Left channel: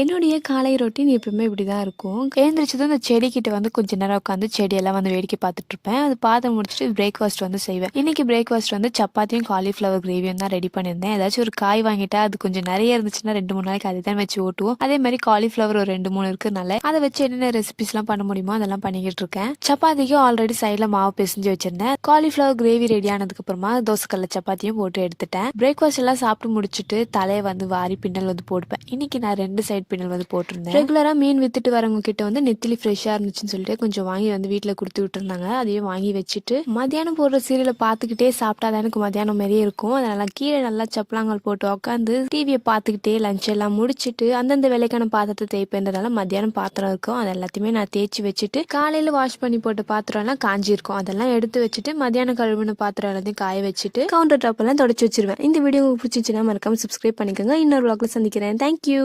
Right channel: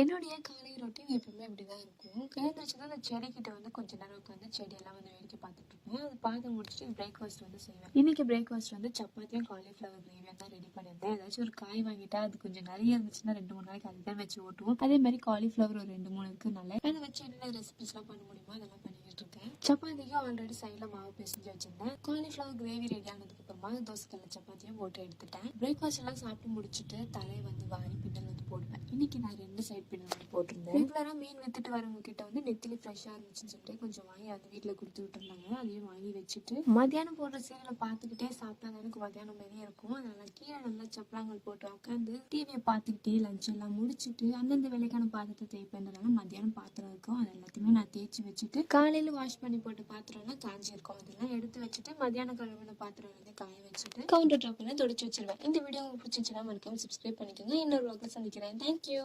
என்னுடைய காலை ரொட்டீன் எப்பவுமே இப்படி தான் இருக்கும். எழுந்திரிச்சதும் இந்த செடிக்கிட்ட வந்து கொஞ்ச நேரம் உட்காந்து செடியெல்லாம் வந்து வேடிக்கை பார்த்துட்ருப்பேன். அது பார்த்து முடிச்சுட்டு பிரேக்ஃபாஸ்ட் வந்து செய்வேன். இன்னைக்கு பிரேக்ஃபாஸ்ட் வந்து சப்பாத்தியும், காலிஃப்ளவர் கிரேவியும் தான் ரெடி பண்ணியிருந்தேன். ஏதாச்சும் ஒரு காய் வாங்கிட்டா அது கொஞ்சம் நெறைய இருந்துச்சுன்னா 2, 3 நாளைக்கு அதை தான் வச்சு ஓட்டுவோம். அதே மாரி காலிஃப்ளவர் ஒரு 2, 3 இருக்கிறனால அதை வச்சு என்னென்ன ரெசிபிஸ்லாம் பண்ண முடியுமோ அதெல்லாம் பண்ணிக்கிட்டு இருக்கேன். சப்பாத்திக்கு ஆல்ரெடி சைடில் மாவு பிசைஞ்சு வச்சிருந்தேன். காலிஃப்ளவர் கிரேவி ரெடி ஆனதுக்கப்புறமா தோசைக்கல்ல சப்பாத்தியும் போட்டு எடுத்துட்டேன். பிரேக்ஃபாஸ்ட் எல்லாம் சாப்பிட்டு முடிச்சுட்டு தலையை வந்து வாரி பின்னல் வந்து போட்டுப்பேன். இன்னைக்கு நான் 2 சைடு பின்னல் வந்து போட்டிருந்தேன். ரெகுலராக மீன் வித்துட்டு வரவங்க கிட்ட வந்து நெத்திலி ஃப்ரெஷ்ஷாக இருந்துச்சுன்னு சொல்லிட்டு கொஞ்சம் வாங்கி வந்து வீட்டில் கொடுத்து விட்டுருந்தாங்க. அதையும் வாங்கி வச்சுட்டு மதியானம் போடுற சீரியலை பார்த்துக்கிட்டே சாப்பிட்டா தான் எனக்கு மதியானம் மாதிரியே இருக்கும். அதனால கீழே நல்லா சப்பலாங்கல் போட்டு உட்காந்து டிவியை பார்த்துக்கிட்டே லஞ்ச் எல்லாம் முடிச்சுட்டு அந்தந்த வேலைக்கான பாத்திரத்தை தேய்ப்பேன்றதால மத்தியானம் பாத்திரம் இருக்கும். அது எல்லாத்தையுமே நான் தேய்ச்சி வச்சுட்டு காலையில் வாஷ் பண்ணி போட்ட பாத்திரம் எல்லாம் காஞ்சி இருக்கும். அதெல்லாம் எடுத்து வச்சுட்டு மத்தியானம் கழுவின பாத்திரம் எல்லாத்தையும் காய வச்சுட்டு கவுண்டர் டாப் எல்லாம் தொடச்சி வச்சிருவேன். இந்த வீடியோ உங்களுக்கு பிடிச்சிச்சுன்னா மறக்காம சப்ஸ்கிரைப் பண்ணிக்கோங்க. இன்னொரு vlogல சந்திக்கிறேன். தேங்க்யூ.